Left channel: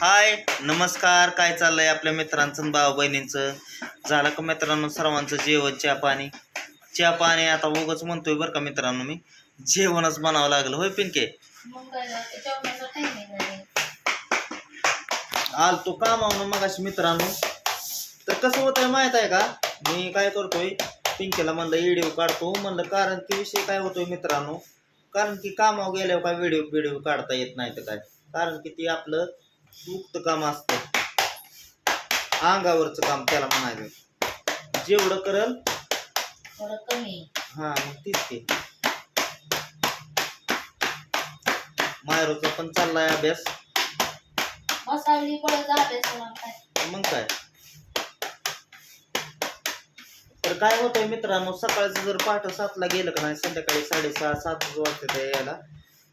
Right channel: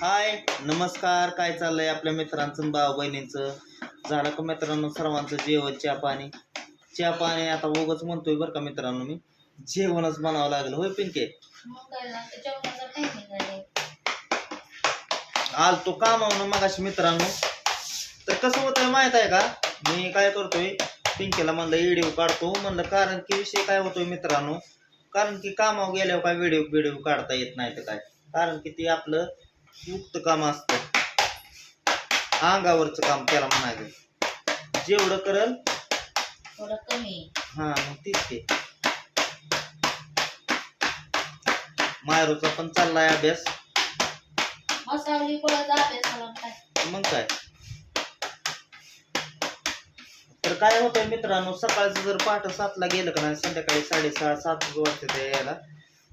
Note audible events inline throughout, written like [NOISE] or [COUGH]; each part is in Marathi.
हाय नमस्कार. काय चाललंय आपल्या मित्रांचं भाऊ बहिणींचं? झालं का मित्रांनो सर्वांचं जेवण चहा पाणी? चहा पाणी आता उगच म्हणतोय बरं का मित्रांनो मी. जेवणच बनावं लागलं. होय पिंके? आल तो आलतो कामावून मगाशी मित्रांनो. तर कसं होतंय माहीत आहे का? मी काय करतोय पिंकेला म्हणलं व्हिडिओ काढतो. म्हणलं कारण की विषय काय होतोय मित्रांनो? कारण की कामावर गेल्यावर काय व्हिडिओ व्हिडिओ काढता येत नाही तर काय? कारण की ते आपलं मुक्त काम असतं. अंगावरचं काम त्याला म्हणायचं. जेवढं करल हा मग तीच ते मायरोचा पण चाललाय अभ्यास. मग काय? तर काय होतंय मित्रांनो सकाळचं जर पहाटे सातला गेलं का नाही संध्याकाळी साडेसहा सातच वाजते यायला.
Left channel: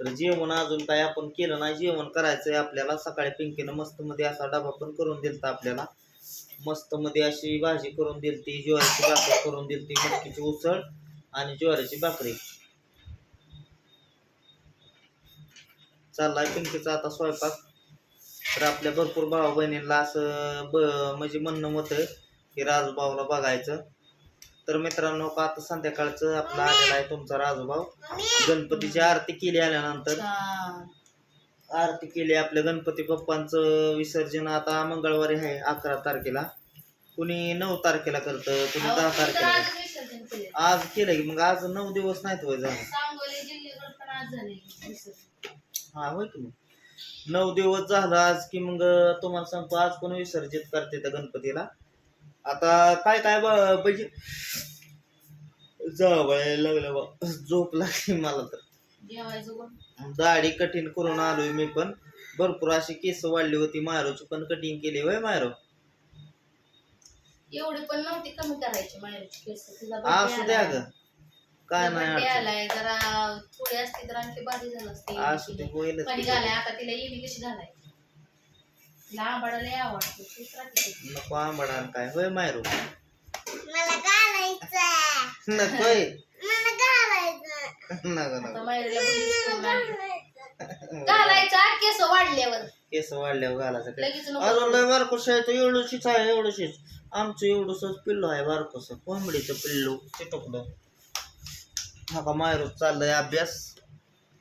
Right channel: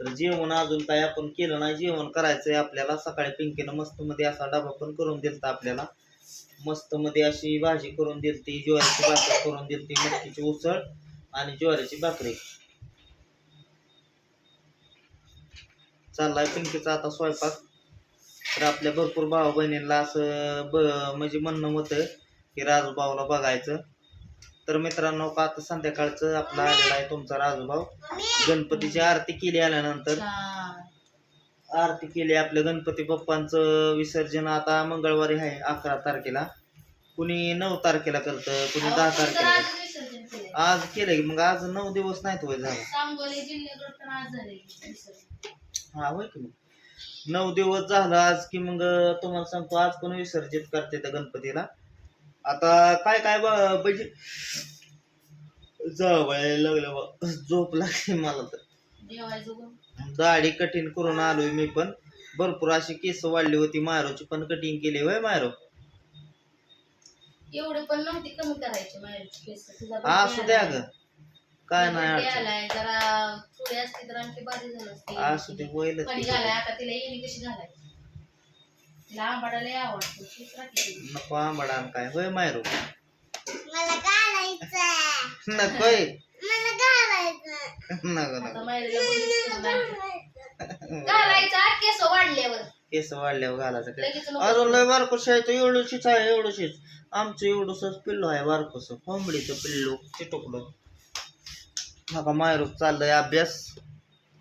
तर जेवण अजून काय आपण केलं नाही. जेवण करायचंय आपल्याला. सकाळी पिंकीनं मस्त मध्ये असा डबा पण करून दिलता आपल्याला. मस्त मध्ये अशी भाजी करून दिलती ज्वारीची भाकर करून दिलती मटकीची उसळ आणि ज्वारीची भाकरी. चाललाय पिंकीचा आता स्वयंपाक. तर आपल्या भरपूर भाऊ बहिणींना असं ब म्हणजे म्हणणं होतं की राजूभाऊला बघायचं. तर मित्रांनो का आता संध्याकाळचं आपला आलेला आहे तुमचा राजूभाऊ. गणपतीची आरती केली आल्यानंतर. आरती केली आपल्या गणपती बाप्पांचं विसर्जन आता मंगळवारी आहे अकरा तारखेला. कुणी नऊ तारखेला करतं कुणी दहा तारखेला केलंय. आज केलं की मग आज नऊ दिवस नाहीत वय झालं. हा होय की मग. नऊ दिवस झालं आज की मग तुम्हाला सांगतो आज कोण विसर्जित करते त्या गणपतीला. आता काय काय म्हणजे जावं लागलं बा. झोप लागली मला तर. दाढी कठीण करून आलोय मी पण. भरपूर अशी केस वाढली होती मायरोची पण कटिंग केली होय मायरो एवढे पण नव्हती कमी करायची माहेरची केस असू द्या. ग. काय नाही जरा थोडी असती तर आणखी भारी झालं असू असते पाणी की. घालाय आता तिला येणी कशी घालाय लय आवडतो. नको आंबडा आणि काय. होय मायरो? मला घालायचं नकोय मला घालायचं नको आता नको. घालायचं केस वाढल्यावर. केस वाढल्यावर घालायचं काय? लगेच नको. अजून लय बारकोस आहे तो एवढंशीच आहे एवढंशीच. आमचं एवढंसच पिल्लू आहे बारकोस कोंबडीचं पिल्लू चिटकलं हा का मायरो चाललंय अभ्यास.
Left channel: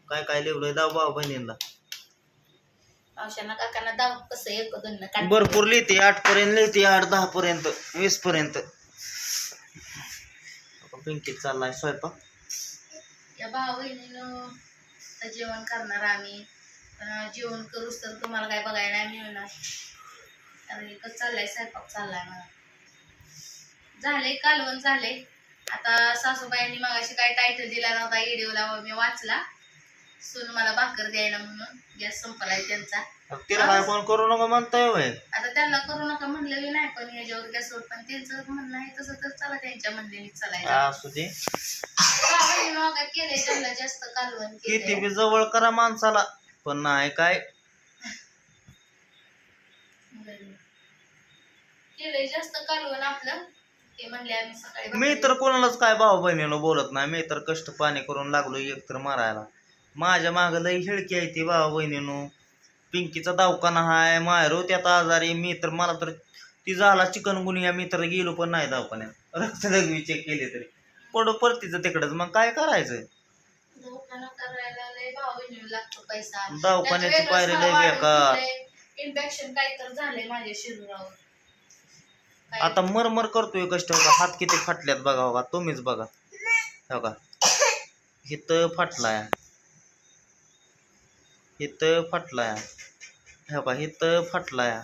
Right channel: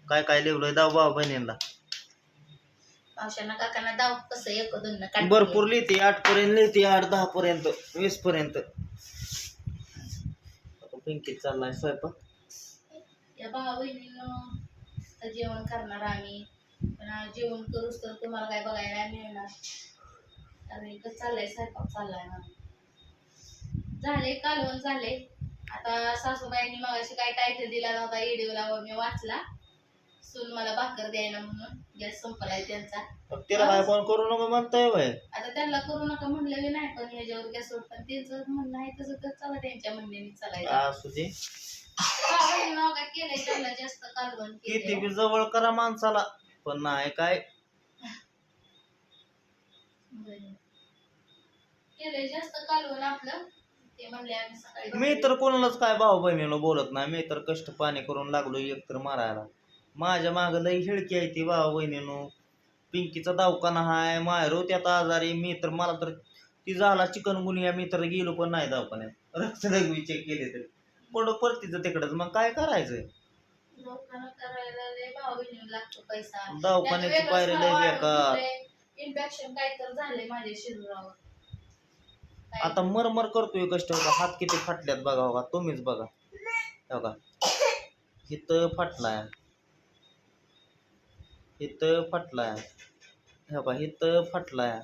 काय काय लिहिलंय? दाव भाऊ बहिणींना. काकांना दाव कसं एक दोन ना काढते. भरपूर लिहिते आठ पर्यंत लिहिते आठ दहा पर्यंत वीस पर्यंत पिंकीत चाललाय स्वयंपाक. या भाऊ बहिणीनं जेवण करणार आम्ही. जेवण करूच तर तुम्हाला काय बघायला नाही मिळणार. कारण एकच चाललाय स्वयंपाक चाललाय मला झाले कालवण झाले आता सासूबाईंनी मगाशी काय टायटल दिला नव्हता व्हिडिओला मी वाचला. सून मला भाकर द्यायला म्हणून. गॅस संपलाय त्यांचा. तिला काय फोन करू नका म्हणताय वय आता त्यांना करू नका म्हणलं मी नाही पण ह्याच्यावर गॅसवर पण त्यांचं म्हणणं आहे तसं तर चला त्यांच्या म्हणण्याने चालायचं. असू दे काय केलंय त्यांना जास्त कालवण किती केलंय बी जवळ करा माणसाला पण नाही काय. बरं. केलंय जास्त कालवण आपलं. ते म्हणले आम्ही सकाळी मी भाकरी- तर कोणालाच काय भाऊ बहिणीनं बोलत नाही. मी तर कष्ट पाणी करून लागलो एक तर मारायला. माझ्या माग लई हिळकी आहे ती भाऊ बहिणीनं पिंकीचा दवाखाना हाय मायरो त्यात आजारी. मी तर मला तर ती झाला चिकन गुनिया मी तर गेलो पण नाही दवाखान्यात. रक्तदगवी चेक केले तरी. पडो परतीचं तिकडच. मग काय करायचं? दवाखाना करायला लय भाऊ बहिणीला लागतो पैसा. दवाखान्याची पायरी लय बेकार. इन्फेक्शन काही तर झालंय माझ्या शरीरावर. काय- आता मरमर करतोय कष्ट बघा हात किती फाटल्यात बघा बघा. तुम्हीच बघा. हे बघा. इथं फाटलाय. इथं फाटलाय हे बघा इथं फाटलाय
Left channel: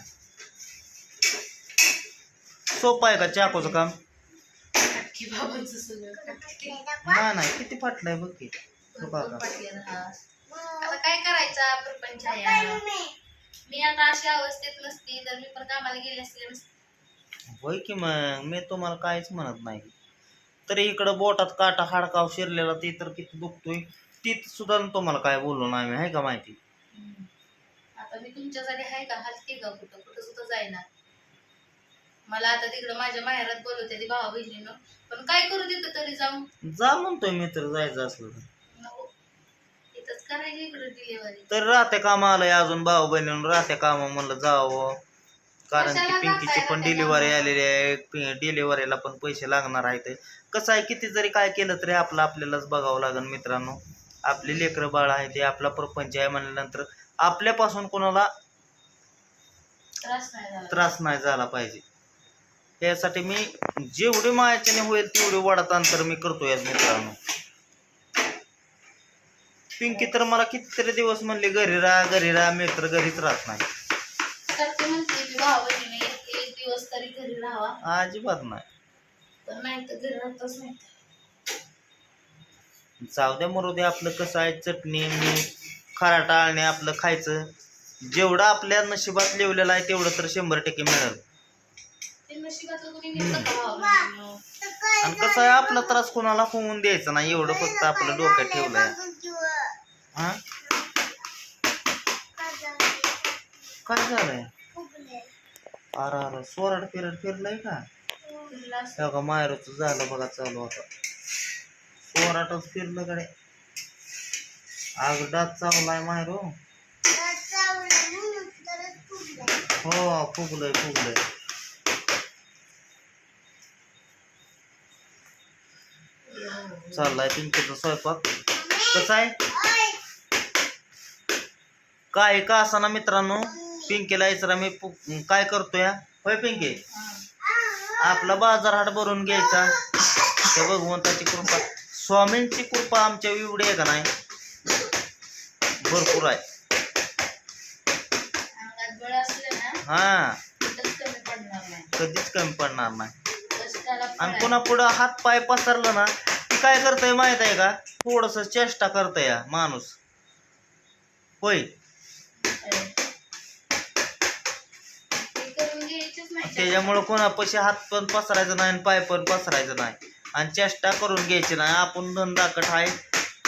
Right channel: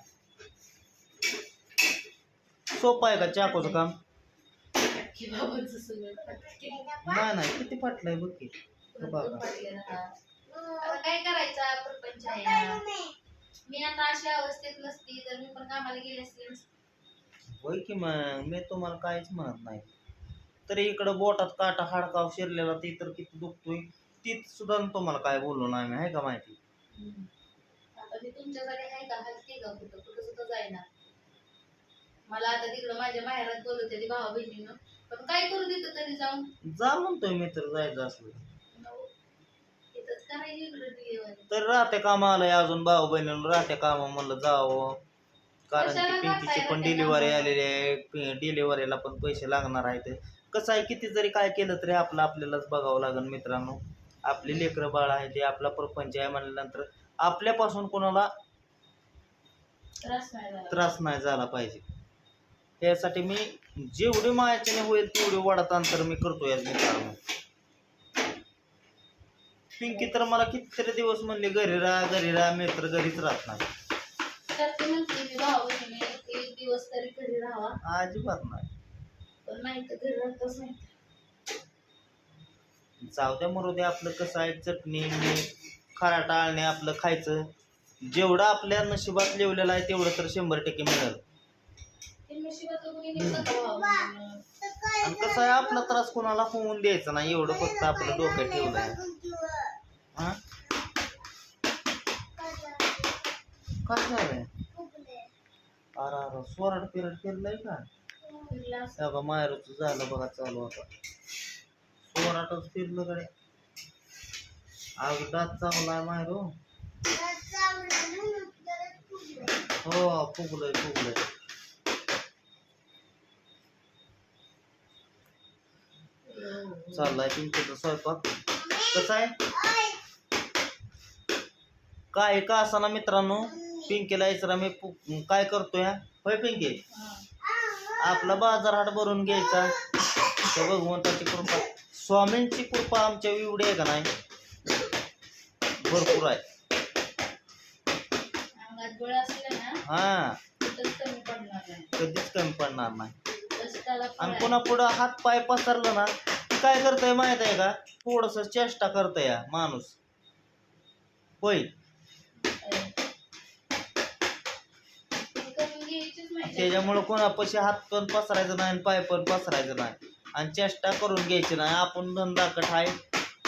सोपं आहे का चाकूचं काम. नाही नाही किती फाटलंय बघ की बघा. आता काय करायचा प्रपंच आहे. मी आता अशा अवस्थेत नसती तर मी पण कामाला गेले असते होय की मग मी तुम्हाला काहीच म्हणत नाही तरी इकडं बोटात काटा हाडकाव शिरलेला ते तर किती दुखतोय ती सुद्धा तुम्हाला काय बोललो नाही मी आहे का माहिती. आता मी तुमच्यासाठी आहे का? हलते का? कुठं कुठं सुद्धा जाईना. मला आता तिकडं माझ्या माहेरात बोलवते ती भावा बहिणीनं. पण काय करू तिथं तरी जाऊन? जा म्हणतोय मी तर जायचं असलं तर. नको. इथंच का करायची इकडे डिलिव्हरी तर राहत्या कामा आलंय अजून भाऊ बहिणीनं. राहत्या कामा म्हणलं जावं. कारण की कशाला पिंकीची जाताय पण राहत्या डिलिव्हरी कामाला? आलेली आहे. डिलिव्हरीला पण पैसे लागणार आहेत. कसं आहे किती जरी काय केलं तरी आपलं आपल्यालाच बघावं लागेल मित्रांनो. आपली लेकरं बाळ आहे ते आपला प्रपंच आहे म्हणल्यानंतर आपल्यापासून कोणाला त्रास नाही झाला. त्रास नाही झाला पाहिजे. यासाठी मी जेवढी मायाच्याने होईल तेवढी वडात अंतर मी करतोय आज मित्रांनो. पिंकी तर मला कितीतरी दिवस म्हणले घरी राहा घरी राहा मी तर घरीच राहत नाही. सारखे म्हणते जाऊ द्या मरू दे आपलं कसं आहे चटणी मीठ खरा टाळणे आपलं खायचं. जेवढं आपल्या नशिबात लिवलेलं आहे तेवढं तर शंभर टक्के मिळेल. आणि कसं आहे आपला त्रास कोणाला होऊन द्यायचा नाही एवढं फक्त आपलं डोक्यात ठेवलंय. बघून किंवा हा? काय झालं? काय झालंय. अरे अरे सोराड फिरड फिरलंय का? मायरूच झालं बघा चालू आता. सोराटच फिरलं कडे आग डात चावलाय मायरू तर चावलं म्हणून तरच फुगले. हो फुगलंय फुगलंय. चाललाय पिंकीचा स्वयंपाक. कसं आहे? काय का असाना मित्रांनो? पिंकीला इचरा मी काय करतोय हा? होय पिंकी? हा. आपला बाजार हाट भरून घ्यायचा. भगवंताची कृपा. स्वामींची कृपा आमच्या एवढी आहे का नाही? भरपूर आहे. हा. कधीच कमी पडणार नाही. आणि. पुन्हा पुढं हात पाय पसरलं ना की काय करतय माहीत आहे का? थोडस चेष्टा करतय माणूस. होय. त्याच्यामुळं कोणापाशी हात पण पसरायचं नाही आणि पाय पण पसरायचं नाही. आणि चेष्टा करून घ्यायची नाही. आपण धंदाकट आहे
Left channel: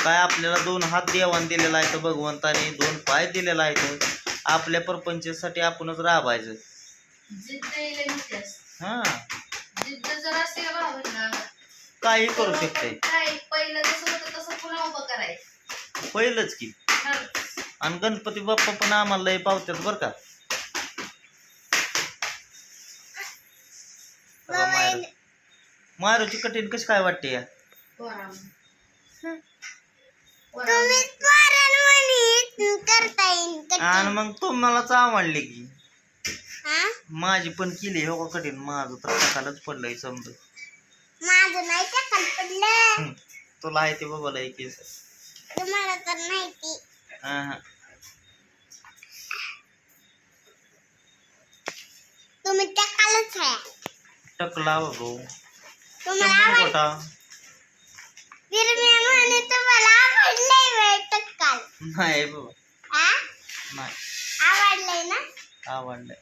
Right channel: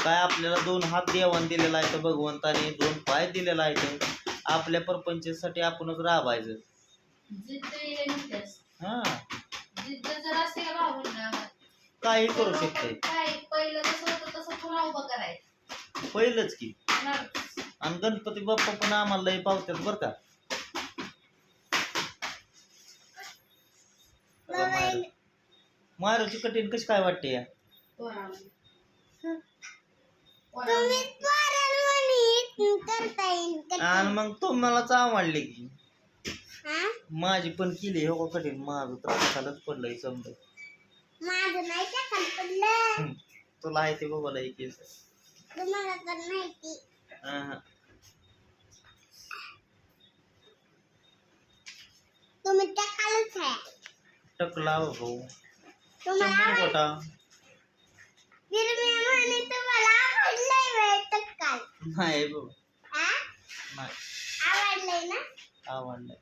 काय आपल्याला दोन हात देवान दिलेला आहे तर भगवंताने दोन पाय दिलेला आहे तर आपल्या प्रपंचासाठी आपणच राबायचं. हा. काही करू शकते. पहिलंच की. आणि गणपती बाप्पा पण आम्हाला पावतात बरं का बघा मायरू. मारूची कठीण कशी काय वाटते या. आणि मग तुम्हालाच आवडले की. हा? माझी पण केली हो का कठीण? माझं तर खालच पडलंय समजा. माझं नाही का खाली पडलं? तुला आहे ते बघा लय केस तुम्हाला तर माहिती. हा. तुम्ही त्या खालच आहे टकला बघू तुम्हाला शंभर नाही बाबा. हा नाही. आवडलंय ना? आवडलंय.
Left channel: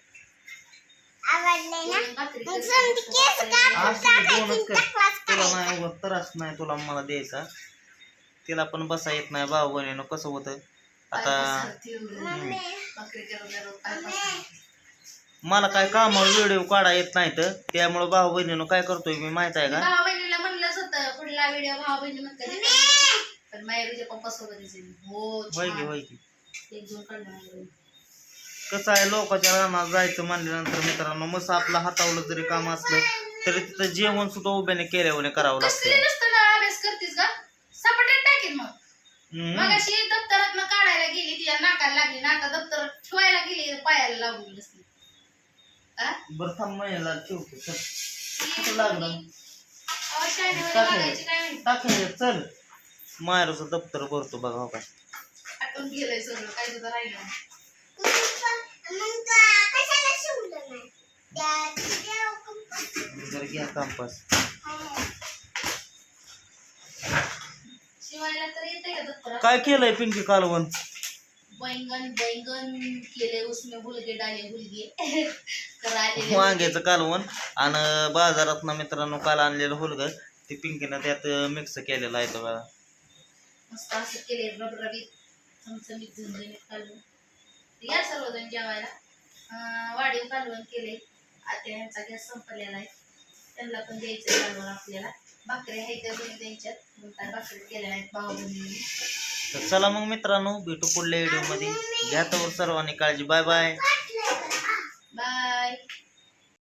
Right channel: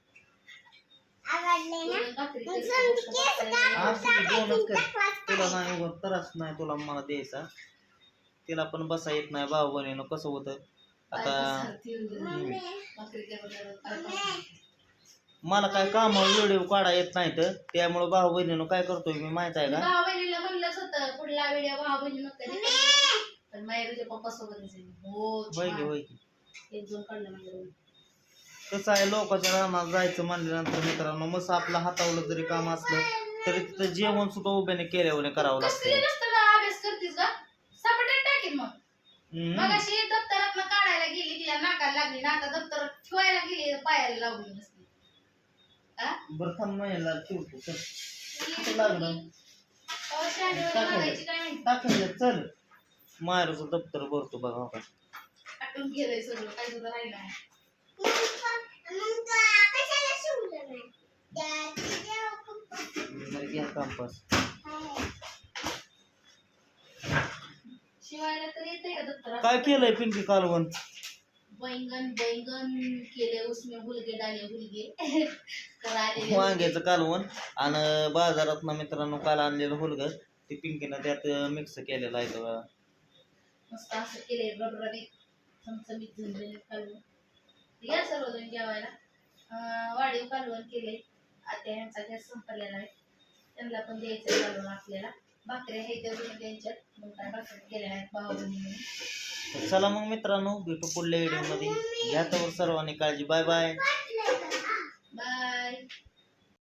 नाही त्रास नाही तुला मला द्यायचा. तिला पण बसा येत नाही भाऊ बहिणीनं कसं होतं? आता मला काय कामावर व्हिडिओ काढा येत नाही तर त्यामुळं भाऊ बहिणीनं काय करतोय मी माहीत आहे का? भाऊ बहिणीला म्हणलंच होतं पुढला व्हिडिओ भाऊ बहिणी कधी पण मायरूच्या पप्पा सोबत हो होय की छान. होय की. एक दोन काढलं. कसं आहे लोकांच्या रानात जायचं म्हणल्यानंतर मित्रांनो मस्त आपलं हातावलं जरी काम असलं तरी तिथं जेवण सुद्धा उभ्याने केल्यावर करावं कसली लागतं नुसतं ना अभ्यास करतीस का सपाट्यात टाकेल मग. हम्म. मग अशी दप्तरात काढायला गेली तिच्या नाकाला लागली ना आता दप्तर ठेवायला गेली पायाला लावून बसली? बरं थांब महिन्याला ठेवतो चल. कुठं लागलं? अहो, शहाणीवाणी टाक. वागायची काय माहिती? टाक हे, चल. मायरूचं दप्तर भरतो बघा हो का आटून गेलंय सगळं काय सुद्धा राहिलं नाही. घ्या. शिवायला तर येते का काय केलंय पिंकी कालवण? बैंगन बैंगन केले उसमें हुलगे डाले हुलगे. [LAUGHS] आलेले [LAUGHS] वांग्याचं कालवण आणि बाजारात ना मित्रांनो काल आणलेलं हुलग ते पिंकीनं त्यात मिक्स केलेलं आहे बघा. मस्त असं केले रबरबीत चमचमीत झणझणीत कालवण. या सर्वजण जेवायला. वाढीव कालवण केले. आता ह्यांचा गॅस संपलेला आहे. त्यांना पण द्यायचं कालवण आपल्याला. त्यांच्यात. मग काय भाकरी केल्या नाहीत तर चला मग मित्रांनो भेटू पुढल्या व्हिडिओमध्ये घ्या तर सर्वांनी काळजी. Bye bye.